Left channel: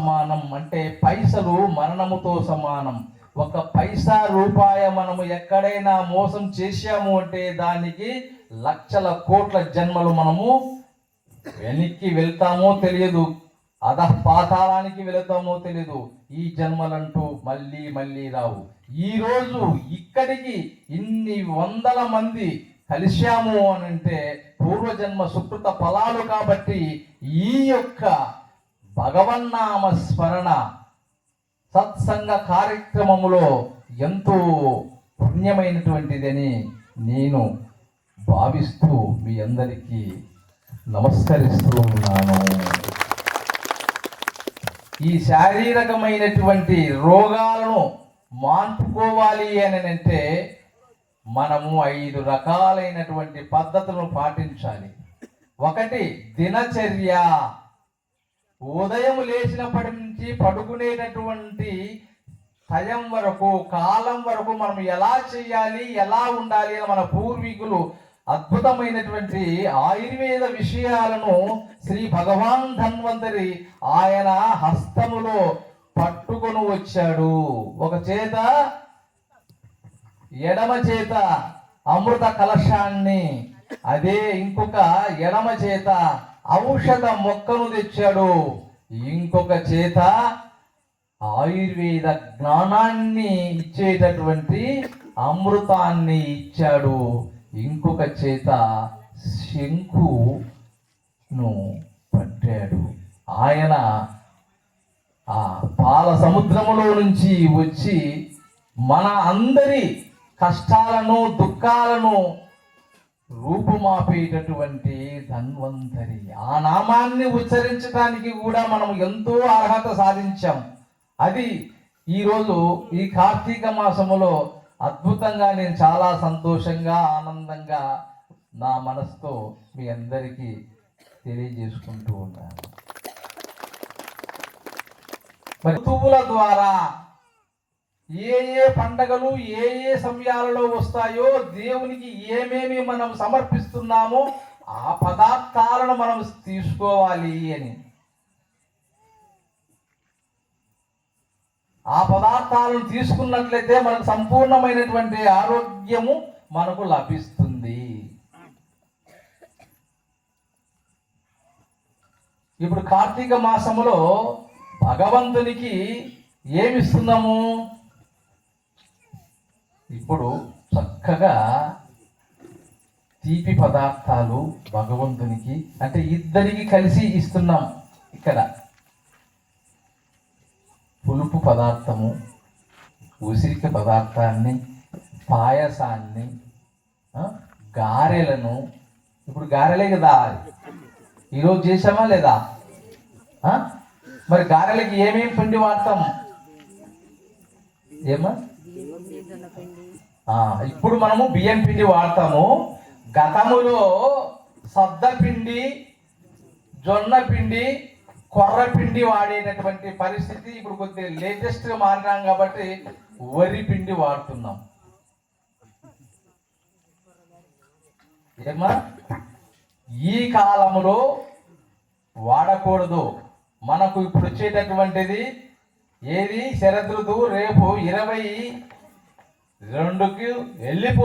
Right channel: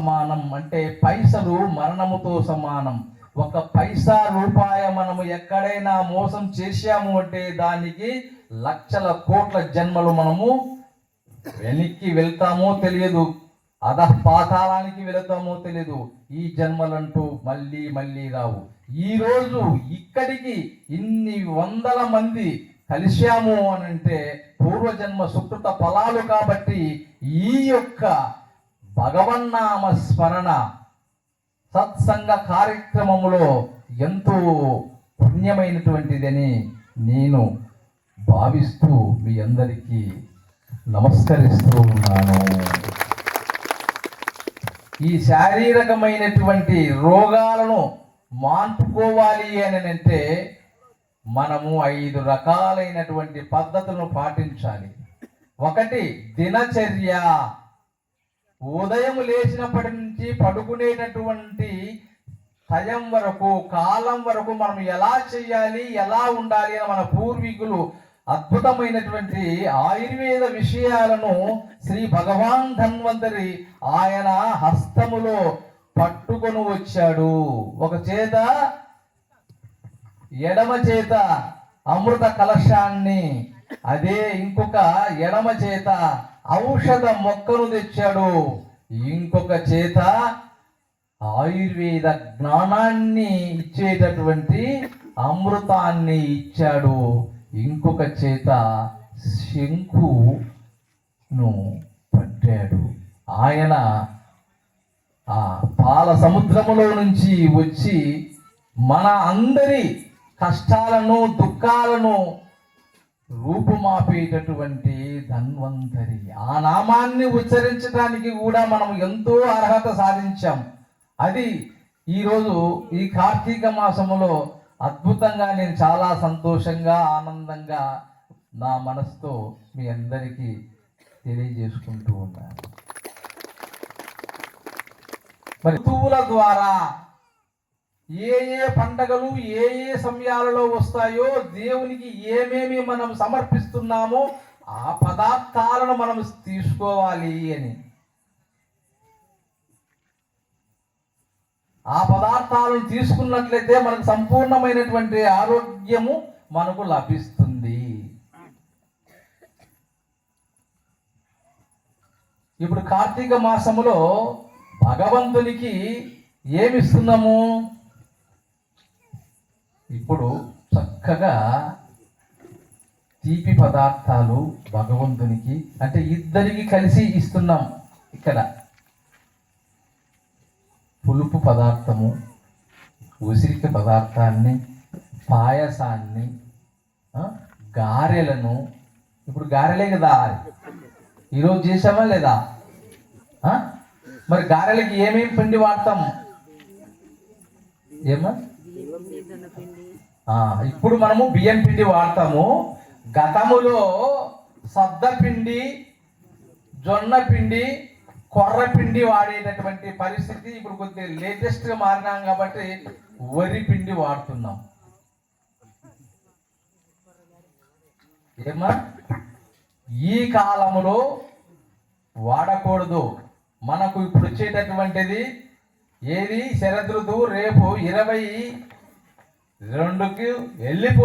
సమానం అంటే పైసలు మరణముతో సమానం. ఒక పైసా రూపాయ మనము ఎక్కడైనా మోసం చేశాము అంటే దానికి లక్షల కోట్ల జన్మలు మనము వెనక్కి వెళ్తామో తెలియదు, పాతాళానికి వెళతామో తెలియదు. ఈ జన్మలంటూ మళ్ళీ మళ్ళీ రావు. ఈరోజు ఇక్కడికి ఇన్ని వందల మంది కలిశాము అని అంటే పూర్వజన్మ సుకృత ఫలాలు. కాబట్టి ఈ యొక్క భగవన్నామ స్మరణ సత్సంగ కార్యక్రమములో ఎంతో పుణ్యమైనటువంటిదని నేను భావిస్తూ మీ అందరికీ నమస్కరిస్తూ ఉన్నాను. ఈ శారీరకమైనటువంటి రోగాలను మాన్పుకోవాలి అని అంటే మనము 5 రకాలైనటువంటి పద్ధతులను పాటించాలి. ఒకటి దినచర్య. ఉదయం లేచినప్పటి నుంచి పడుకునేటటువంటి టైం వరకు, కాలం వరకు మనం ఎలా చేయాలి, ఎలా ఉండాలి అని మన పూర్వీకులు అద్భుతమైనటువంటి ఆయుర్వేద విషయాలను శ్రీ భగవాన్ ధన్వంతరి ఆయన హస్తములో పట్టుకొని వచ్చాడు. ఒక చేత ఎడమ చేత అమృత కలశాన్ని, అదే ఇంకొక ఎడమ చేత ఔషధ మొక్కను తెచ్చాడు, ఇంకొక చేత ఆయుర్వేద జ్ఞానాన్ని ఇచ్చేటటువంటి అమృతాన్ని ఇచ్చాడు, ఇంకొక చేత శంకును పట్టాడు. ఆయన ఆ పాల సముద్రములో నుంచి వచ్చి మన అందరి కష్టాలను దుఃఖాలను రూపుమాపేటటువంటి ధన్వంతరి. ఆ నామాన్ని ఉచ్చరించడానికి కూడా మనం ఎంతో అర్హత సాధించాం. అది ఈరోజు ఈ కార్తీక మాసములో అద్భుతంగా నేను చాలా సంతోషంగా ఆనందంగా నా మనసుతో మీ అందరికీ తెలియజేసుకుంటూ ఉన్నాను. మరి ఋతువుల ద్వారా ఏ ఏ పండగలు ఏ ఏ సమయాలలో వస్తాయో, దేవునికి ఏమేమి మనం సమర్పిస్తున్నామో ఆ పదార్థాలను మనం తీసుకోవాలి అని. ఆ పదార్థాలను తీసుకున్నట్లయితే మనకు సంపూర్ణమైనటువంటి ఆరోగ్యము మనకు లభిస్తుంది. ఇప్పుడు కార్తీక మాసములో భగవంతునికి ఏమిస్తున్నాము? ఇప్పుడు చక్కగా తీపి పదార్థాలు భగవంతునికి, అంటే ఇద్దరికి కలిసి ఇస్తున్నాం. ఇక్కడ పులుపు పదార్థము, ఉసిరిక పదార్థాన్ని, పాయసాన్ని, గారెలను. ఇప్పుడు గారెలే కదా ఈరోజు చేసామా లేదా? మరి గారెలకి ఏమేమి పిండి వాడతాం? ఏమా ఇప్పుడు మనము బియ్యం పిండి వాడతాము. గతములో సద్ద పిండి, జొన్న పిండి, కొర్ర పిండి వాడేటటువంటి పరిస్థితి ఇప్పుడు కొద్దిగా లేటెస్ట్గా మారినాం కాబట్టి వరి పిండి వాడుతున్నాం. ఏమా ఈ కాలములో వాడకూడదు. మనకు ఇప్పుడు వచ్చేటటువంటిది ఏది? శరదృతువు రేపు 22కి వెళ్ళిపో